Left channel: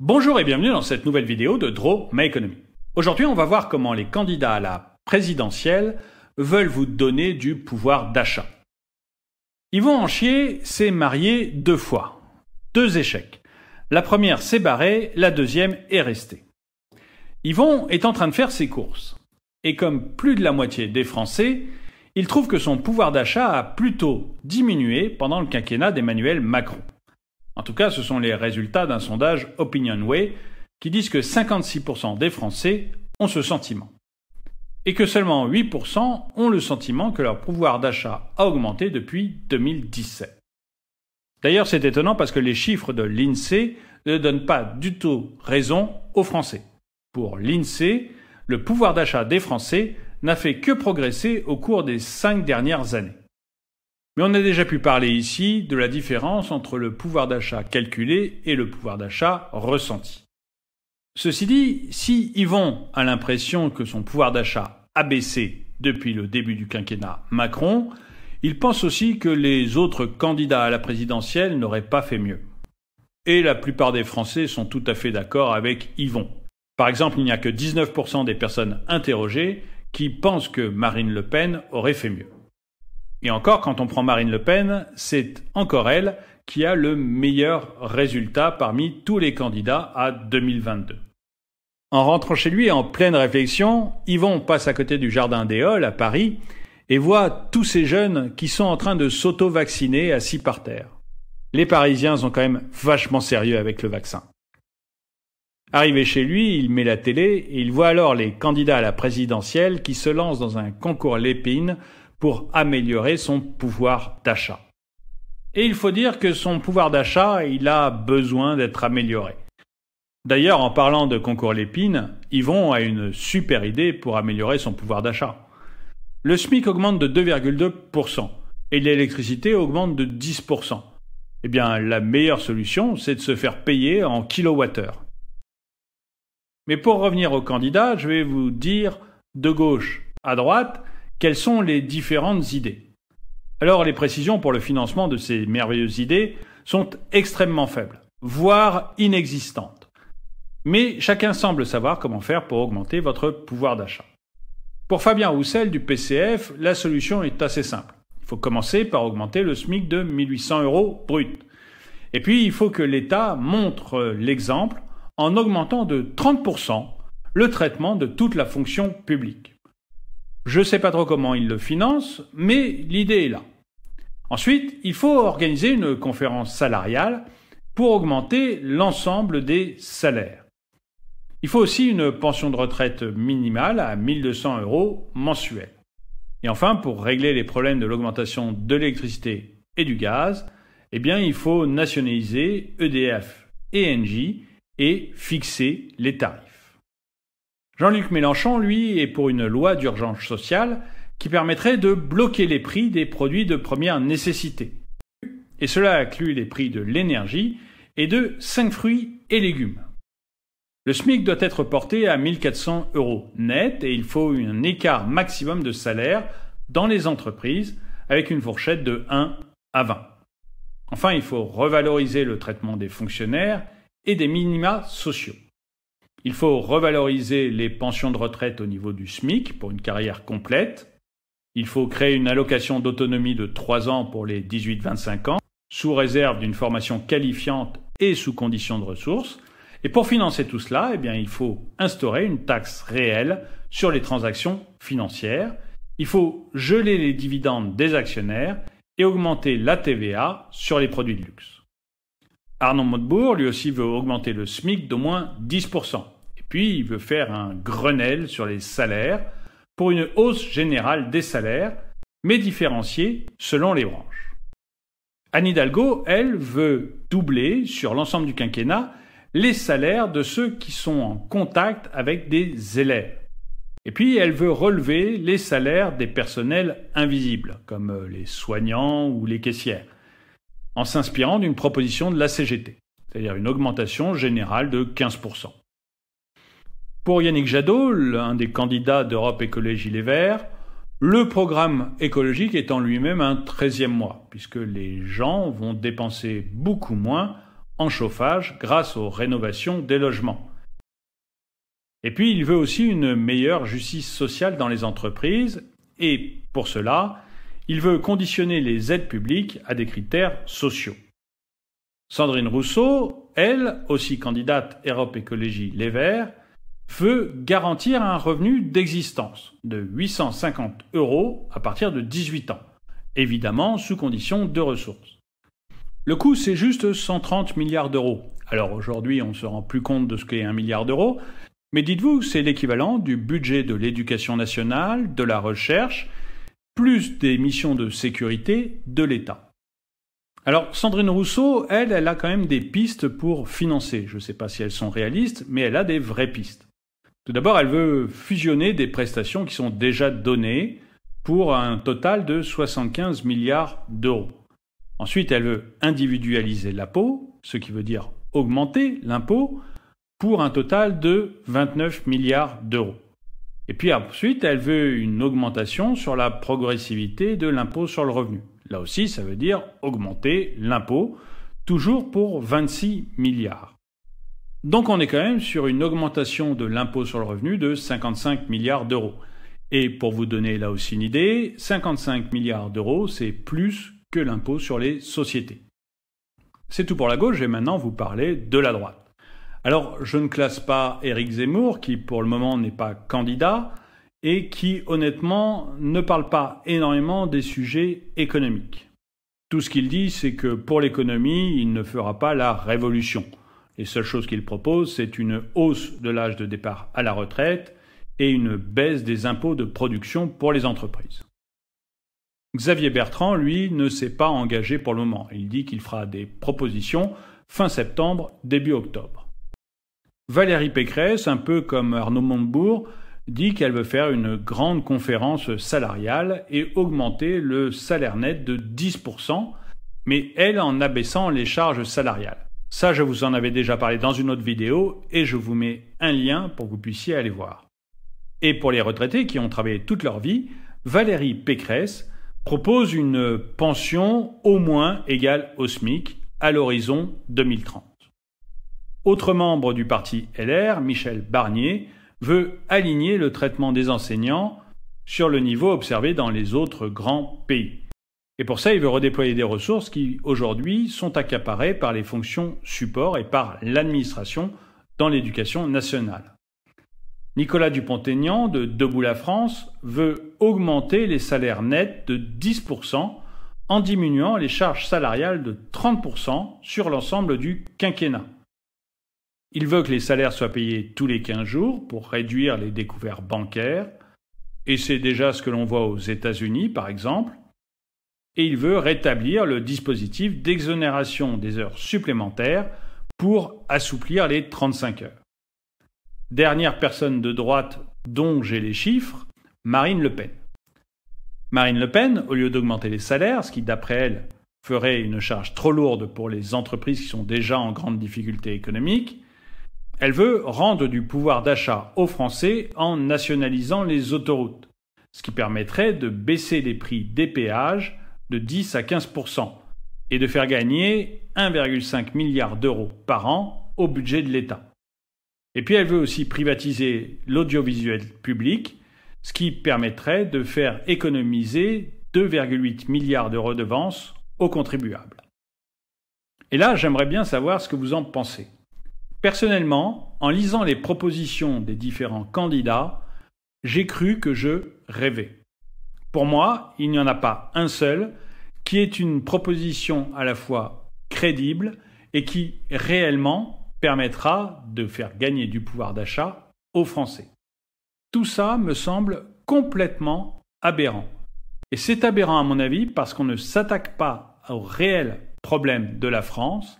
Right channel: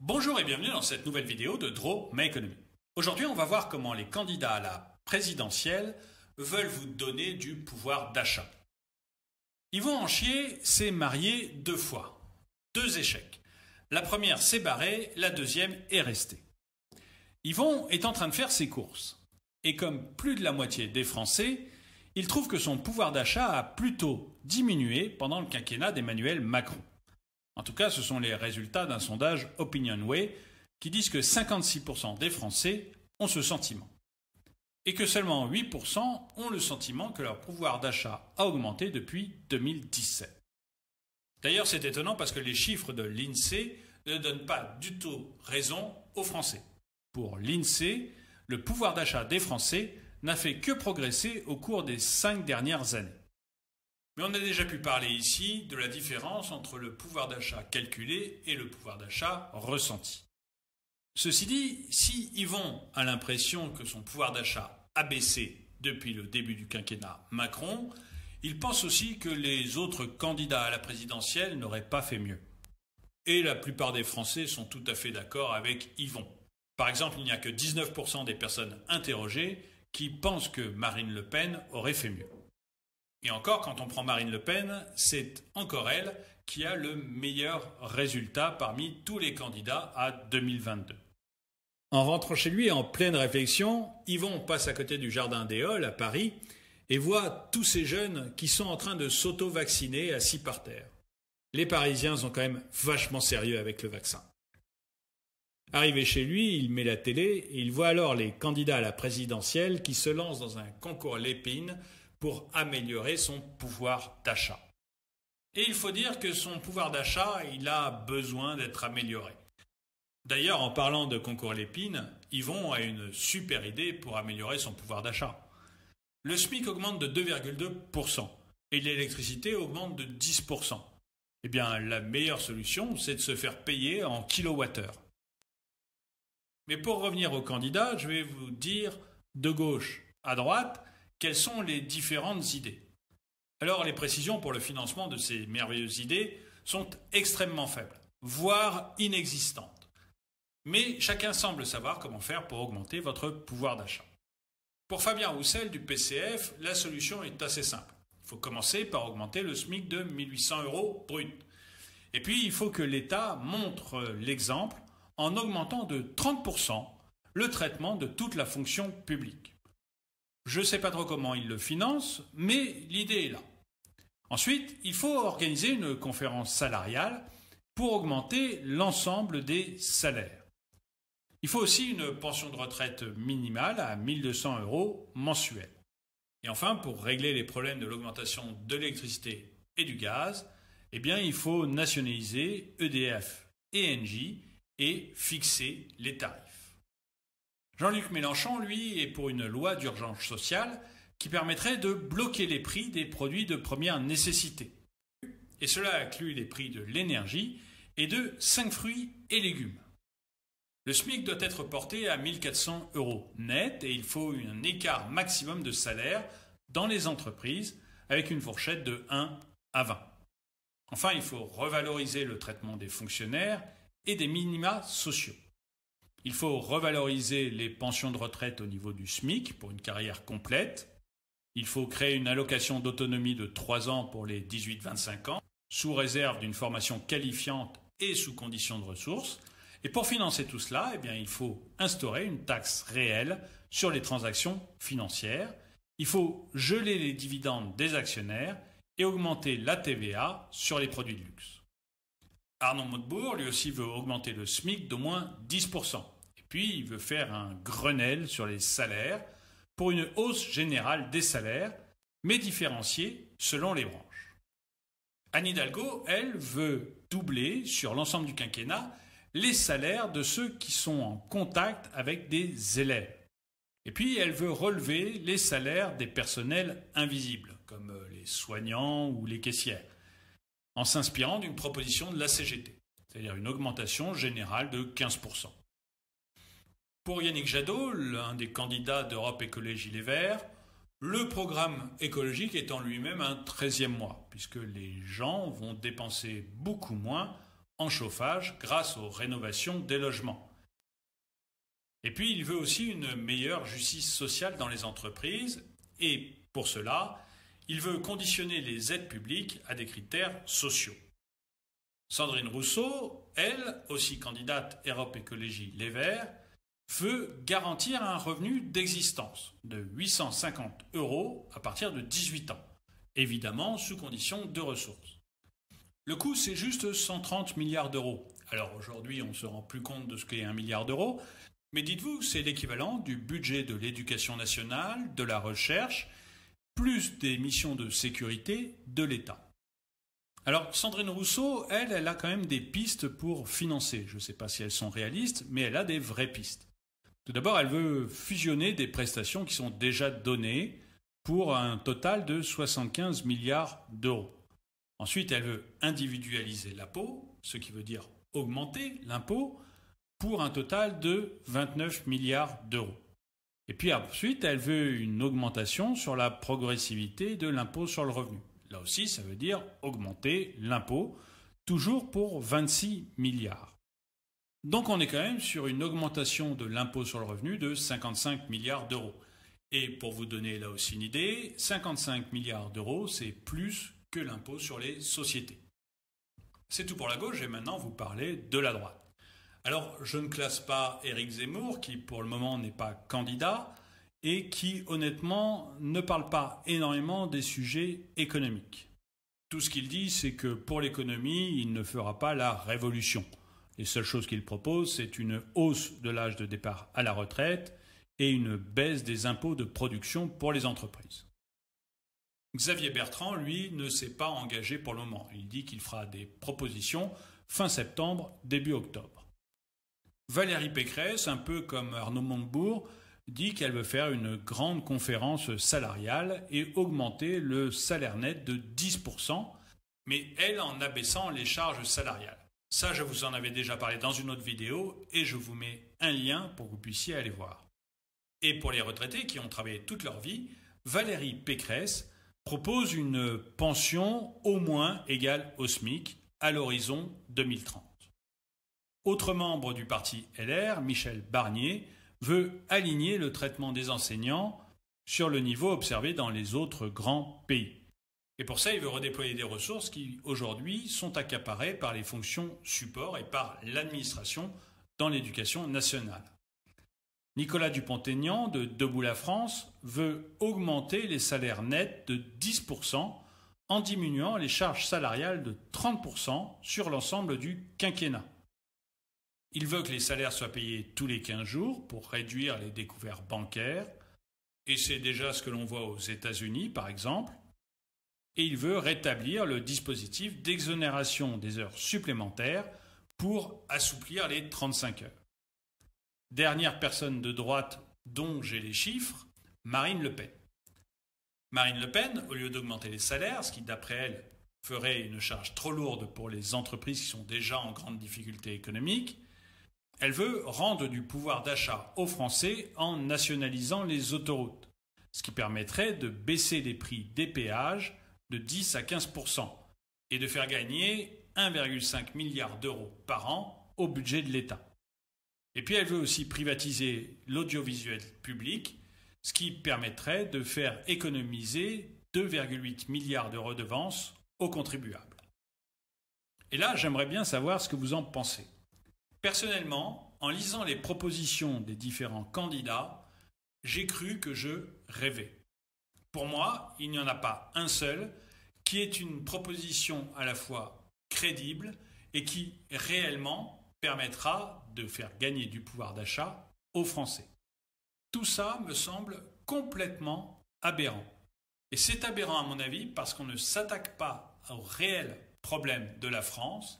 Bonjour et bienvenue dans cette nouvelle vidéo de Draw My Economy. Aujourd'hui, on va voir comment les candidats à la présidentielle veulent vous donner du pouvoir d'achat. Yvon Anchier s'est marié 2 fois. 2 échecs. La première s'est barrée, la deuxième est restée. Yvon est en train de faire ses courses. Et comme plus de la moitié des Français, il trouve que son pouvoir d'achat a plutôt diminué pendant le quinquennat d'Emmanuel Macron. En tout cas, ce sont les résultats d'un sondage OpinionWay qui disent que 56% des Français ont ce sentiment. Et que seulement 8% ont le sentiment que leur pouvoir d'achat a augmenté depuis 2017. D'ailleurs, c'est étonnant parce que les chiffres de l'INSEE ne donnent pas du tout raison aux Français. Pour l'INSEE, le pouvoir d'achat des Français n'a fait que progresser au cours des 5 dernières années. Mais on a déjà pu parler ici de la différence entre le pouvoir d'achat calculé et le pouvoir d'achat ressenti. Ceci dit, si Yvon a l'impression que son pouvoir d'achat a baissé depuis le début du quinquennat Macron, il pense aussi que les autres candidats à la présidentielle n'auraient pas fait mieux. Et la plupart des Français sont tout à fait d'accord avec Yvon. Par exemple, il n'y a que 19% des personnes interrogées qui pensent que Marine Le Pen aurait fait mieux. Et encore, quand on prend Marine Le Pen, c'est encore elle qui a le meilleur résultat parmi tous les candidats à 2022. En rentrant chez lui en pleine réflexion, Yvon passe à côté du Jardin des Halles à Paris et voit tous ces jeunes qui sont en train de s'auto-vacciner assis par terre. Les Parisiens sont quand même vachement sérieux avec le vaccin. Arrivé chez lui, il met la télé et il voit alors les candidats à la présidentielle qui se lancent dans un concours Lépine pour améliorer son pouvoir d'achat. Et il faut dire que son pouvoir d'achat, il a besoin d'être amélioré. D'ailleurs, en parlant de concours Lépine, Yvon a une super idée pour améliorer son pouvoir d'achat. Le SMIC augmente de 2,2% et l'électricité augmente de 10%. Eh bien, la meilleure solution, c'est de se faire payer en kilowattheure. Mais pour revenir aux candidats, je vais vous dire de gauche à droite quelles sont les différentes idées. Alors, les précisions pour le financement de ces merveilleuses idées sont extrêmement faibles, voire inexistantes. Mais chacun semble savoir comment faire pour augmenter votre pouvoir d'achat. Pour Fabien Roussel du PCF, la solution est assez simple. Il faut commencer par augmenter le SMIC de 1 800 € brut. Et puis, il faut que l'État montre l'exemple en augmentant de 30% le traitement de toute la fonction publique. Je ne sais pas trop comment il le finance, mais l'idée est là. Ensuite, il faut organiser une conférence salariale pour augmenter l'ensemble des salaires. Il faut aussi une pension de retraite minimale à 1 200 € mensuels. Et enfin, pour régler les problèmes de l'augmentation de l'électricité et du gaz, il faut nationaliser EDF et Engie et fixer les tarifs. Jean-Luc Mélenchon, lui, est pour une loi d'urgence sociale qui permettrait de bloquer les prix des produits de première nécessité. Et cela inclut les prix de l'énergie et de 5 fruits et légumes. Le SMIC doit être porté à 1 400 € net et il faut un écart maximum de salaire dans les entreprises avec une fourchette de 1 à 20. Enfin, il faut revaloriser le traitement des fonctionnaires et des minima sociaux. Il faut revaloriser les pensions de retraite au niveau du SMIC pour une carrière complète. Il faut créer une allocation d'autonomie de 3 ans pour les 18-25 ans, sous réserve d'une formation qualifiante et sous condition de ressources. Et pour financer tout cela, il faut instaurer une taxe réelle sur les transactions financières. Il faut geler les dividendes des actionnaire et augmenter la TVA sur les produits de luxe. Arnaud Montebourg, lui aussi, veut augmenter le SMIC d'au moins 10%. Et puis, il veut faire un Grenelle sur les salaires pour une hausse générale des salaires, mais différenciée selon les branches. Anne Hidalgo, elle, veut doubler sur l'ensemble du quinquennat les salaires de ceux qui sont en contact avec des élèves. Et puis, elle veut relever les salaires des personnels invisibles, comme les soignants ou les caissières, en s'inspirant d'une proposition de la CGT, c'est-à-dire une augmentation générale de 15%. Pour Yannick Jadot, l'un des candidats d'Europe Écologie Les Verts, le programme écologique est en lui-même un 13e mois, puisque les gens vont dépenser beaucoup moins en chauffage grâce aux rénovations des logements. Et puis, il veut aussi une meilleure justice sociale dans les entreprises et, pour cela, il veut conditionner les aides publiques à des critères sociaux. Sandrine Rousseau, elle, aussi candidate Europe Écologie Les Verts, veut garantir un revenu d'existence de 850 € à partir de 18 ans, évidemment sous condition de ressources. Le coût, c'est juste 130 milliards d'euros. Alors aujourd'hui, on ne se rend plus compte de ce qu'est 1 milliard d'euros, mais dites-vous, c'est l'équivalent du budget de l'éducation nationale, de la recherche, plus des missions de sécurité de l'État. Alors, Sandrine Rousseau, elle a quand même des pistes pour financer. Je ne sais pas si elles sont réalistes, mais elle a des vraies pistes. Tout d'abord, elle veut fusionner des prestations qui sont déjà données pour un total de 75 milliards d'euros. Ensuite, elle veut individualiser l'impôt, ce qui veut dire augmenter l'impôt, pour un total de 29 milliards d'euros. Et puis ensuite, elle veut une augmentation sur la progressivité de l'impôt sur le revenu. Là aussi, ça veut dire augmenter l'impôt, toujours pour 26 milliards. Donc on est quand même sur une augmentation de l'impôt sur le revenu de 55 milliards d'euros. Et pour vous donner là aussi une idée, 55 milliards d'euros, c'est plus que l'impôt sur les sociétés. C'est tout pour la gauche, je vais maintenant vous parler de la droite. Alors, je ne classe pas Éric Zemmour, qui pour le moment n'est pas candidat, et qui, honnêtement, ne parle pas énormément des sujets économiques. Tout ce qu'il dit, c'est que pour l'économie, il ne fera pas la révolution. Les seules choses qu'il propose, c'est une hausse de l'âge de départ à la retraite et une baisse des impôts de production pour les entreprises. Xavier Bertrand, lui, ne s'est pas engagé pour le moment. Il dit qu'il fera des propositions fin septembre, début octobre. Valérie Pécresse, un peu comme Arnaud Montebourg, dit qu'elle veut faire une grande conférence salariale et augmenter le salaire net de 10%, mais elle en abaissant les charges salariales. Ça, je vous en avais déjà parlé dans une autre vidéo et je vous mets un lien pour que vous puissiez aller voir. Et pour les retraités qui ont travaillé toute leur vie, Valérie Pécresse propose une pension au moins égale au SMIC à l'horizon 2030. Autre membre du parti LR, Michel Barnier, veut aligner le traitement des enseignants sur le niveau observé dans les autres grands pays. Et pour ça, il veut redéployer des ressources qui, aujourd'hui, sont accaparées par les fonctions support et par l'administration dans l'éducation nationale. Nicolas Dupont-Aignan, de Debout la France, veut augmenter les salaires nets de 10% en diminuant les charges salariales de 30% sur l'ensemble du quinquennat. Il veut que les salaires soient payés tous les 15 jours pour réduire les découvertes bancaires, et c'est déjà ce que l'on voit aux États-Unis, par exemple. Et il veut rétablir le dispositif d'exonération des heures supplémentaires pour assouplir les 35 heures. Dernière personne de droite dont j'ai les chiffres, Marine Le Pen. Marine Le Pen, au lieu d'augmenter les salaires, ce qui d'après elle ferait une charge trop lourde pour les entreprises qui sont déjà en grande difficulté économique, elle veut rendre du pouvoir d'achat aux Français en nationalisant les autoroutes, ce qui permettrait de baisser les prix des péages de 10 à 15% et de faire gagner 1,5 milliard d'euros par an au budget de l'État. Et puis elle veut aussi privatiser l'audiovisuel public, ce qui permettrait de faire économiser 2,8 milliards de redevances aux contribuables. Et là, j'aimerais bien savoir ce que vous en pensez. Personnellement, en lisant les propositions des différents candidats, j'ai cru que je rêvais. Pour moi, il n'y en a pas un seul qui est une proposition à la fois crédible et qui réellement permettra de faire gagner du pouvoir d'achat aux Français. Tout ça me semble complètement aberrant. Et c'est aberrant à mon avis parce qu'on ne s'attaque pas au réel problème de la France,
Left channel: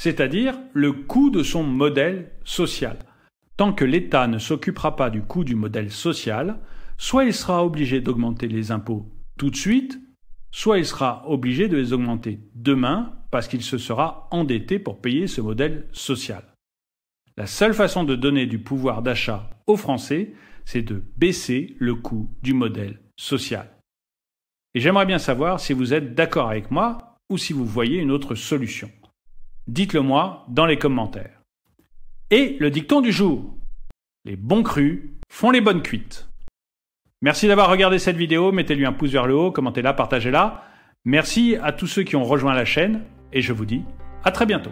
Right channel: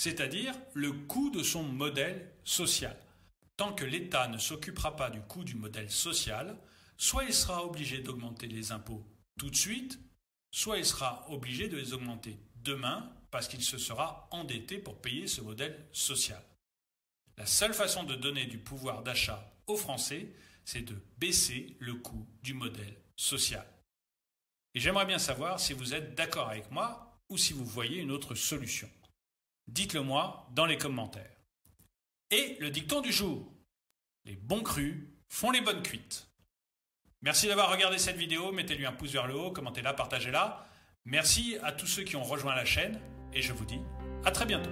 c'est-à-dire le coût de son modèle social. Tant que l'État ne s'occupera pas du coût du modèle social, soit il sera obligé d'augmenter les impôts tout de suite, soit il sera obligé de les augmenter demain parce qu'il se sera endetté pour payer ce modèle social. La seule façon de donner du pouvoir d'achat aux Français, c'est de baisser le coût du modèle social. Et j'aimerais bien savoir si vous êtes d'accord avec moi ou si vous voyez une autre solution. Dites-le moi dans les commentaires. Et le dicton du jour. Les bons crus font les bonnes cuites. Merci d'avoir regardé cette vidéo, mettez-lui un pouce vers le haut, commentez-la, partagez-la. Merci à tous ceux qui ont rejoint la chaîne et je vous dis à très bientôt.